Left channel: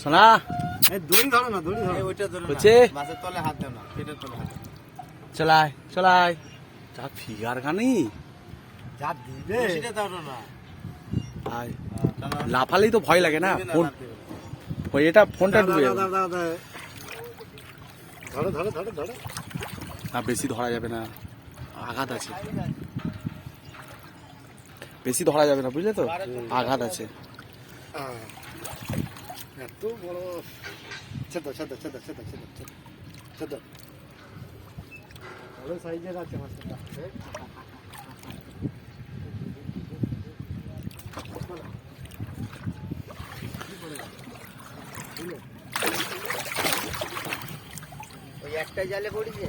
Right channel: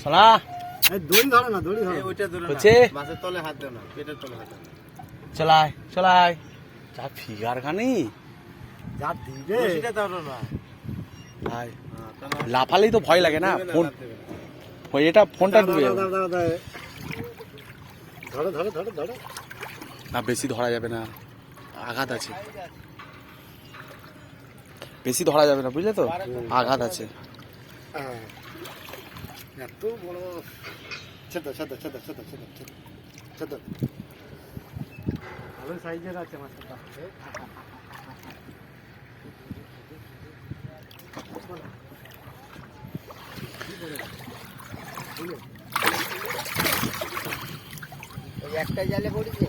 শোনা দড়ি ধরো না, দড়ি ধরো। ওইটা ধরো না, হচ্ছে? মাছের তলে হাত দাও না, পেটের তলে হাত দাও। চলায় চলায় যা ফিগার খানি যা দিবে। বড়শিটা ধরো না। ভাই লাফালেই তো ভয় লাগে না। ফোন দেবে না। ওই এটা ফোনটা ডুবে যাবে। ধরো ধরো ধরো ধরো। না বেশি ধরা যাবে না, আঘাত আছে। বেশি ধরা যাবে না, বুঝলে তো, আঘাত আছে। এত বড়। ছেদ ছেদ ছেদ ছেদ ছেদ ছেদ ছেদ। ওই সাইজের আছে মাছটা। ওই একটা জালে পড়েছে।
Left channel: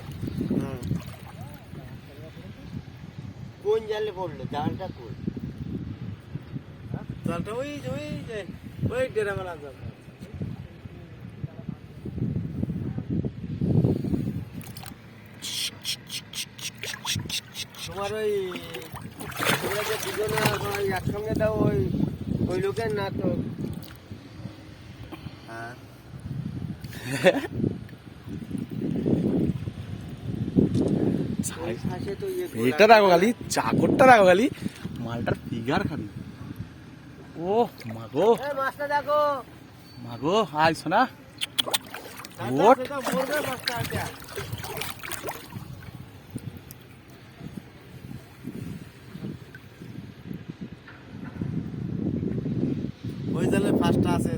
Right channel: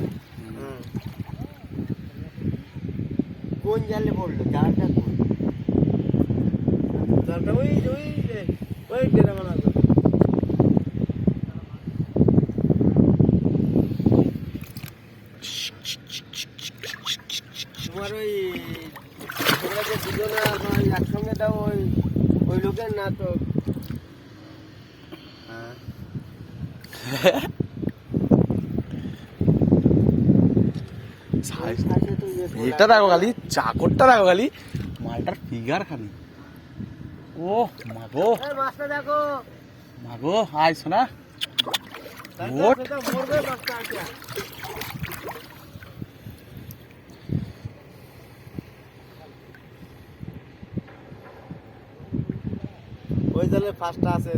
কোন জালে পড়লো? জালটা কোন? জালটা ওই যে ওই গ্রামে না। তোমার ওই তোমরা যে দুজনে ওই একসঙ্গে দাও, ওই লোকের না তো? হ্যাঁ, শ্বাসে তো ইয়ে গোলা। এটা দেখো খালি, চাকরটা দেখো খালি, মালটার ফিগার খালি। ও মাগো এই মাছটা দেখো। মাগো, হাই শোনা। ওট মরবে মাছটা আছে। ওই জালে ফার্স্টটা আছে।